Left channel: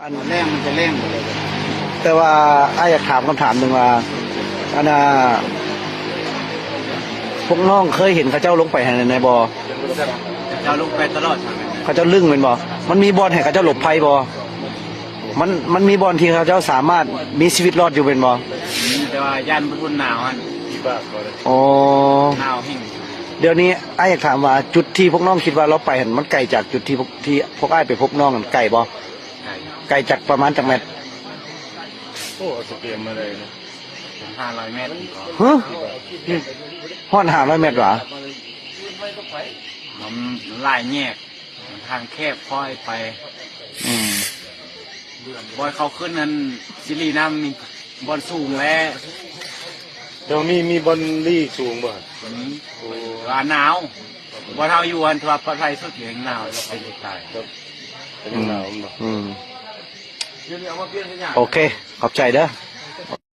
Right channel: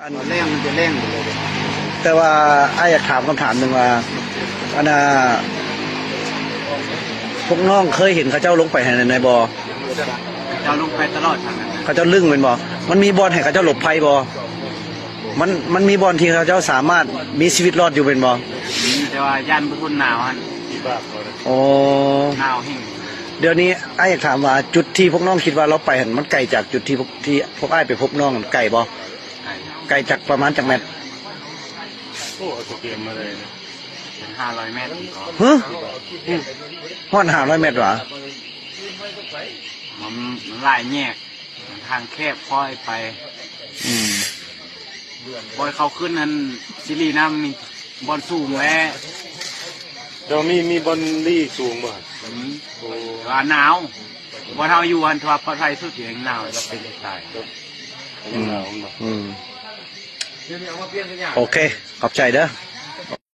อัน เร่งมันจะเร่งเลย แต่ว่าไอ้อยากถามคำถามหนึ่งว่าอันน่ะพวกน้องเคยเห็นเขาเจ้าลงไปในบ่อ เราลงไปตลอดทาง เขาเจ้าลึ่งเป็นบ่มันมีบ่อนให้เขาเจ้าหลบภัยบ่มันมีบ่อนที่เขาเจ้าสามารถมีชีวิตรอดอยู่เป็นบ่แต่ว่ายันพุ่นหนาวฮะ โอ้ หนาวแห้ง เดี๋ยวนี้ไอ้อยากถามว่าจุดที่พวกน้องคิดว่าเราไปเห็นมันไกลจากจุดที่พวกไอ้ไปพบน้องไกลบ่ไกลจากประมาณจากเมตร โอ้จะเปลี่ยนมาเลยนะ 500 เมตร ฮะฮอด500 เมตรหรอ มันลายแยกทางแคบค่อยไป อืม บอยเขาขึ้นนั้นซิลีน้ำมีบอลสูงแล้ว ตรงนี้มีบอลลี่สูงบ่ หนาวบอลเท้าอยู่อันทว่าประเทศไทยสุดอยู่ในหนาวแล้วก็จะตาย หนาวบ่ อืมโอเคขอบใจเด้อ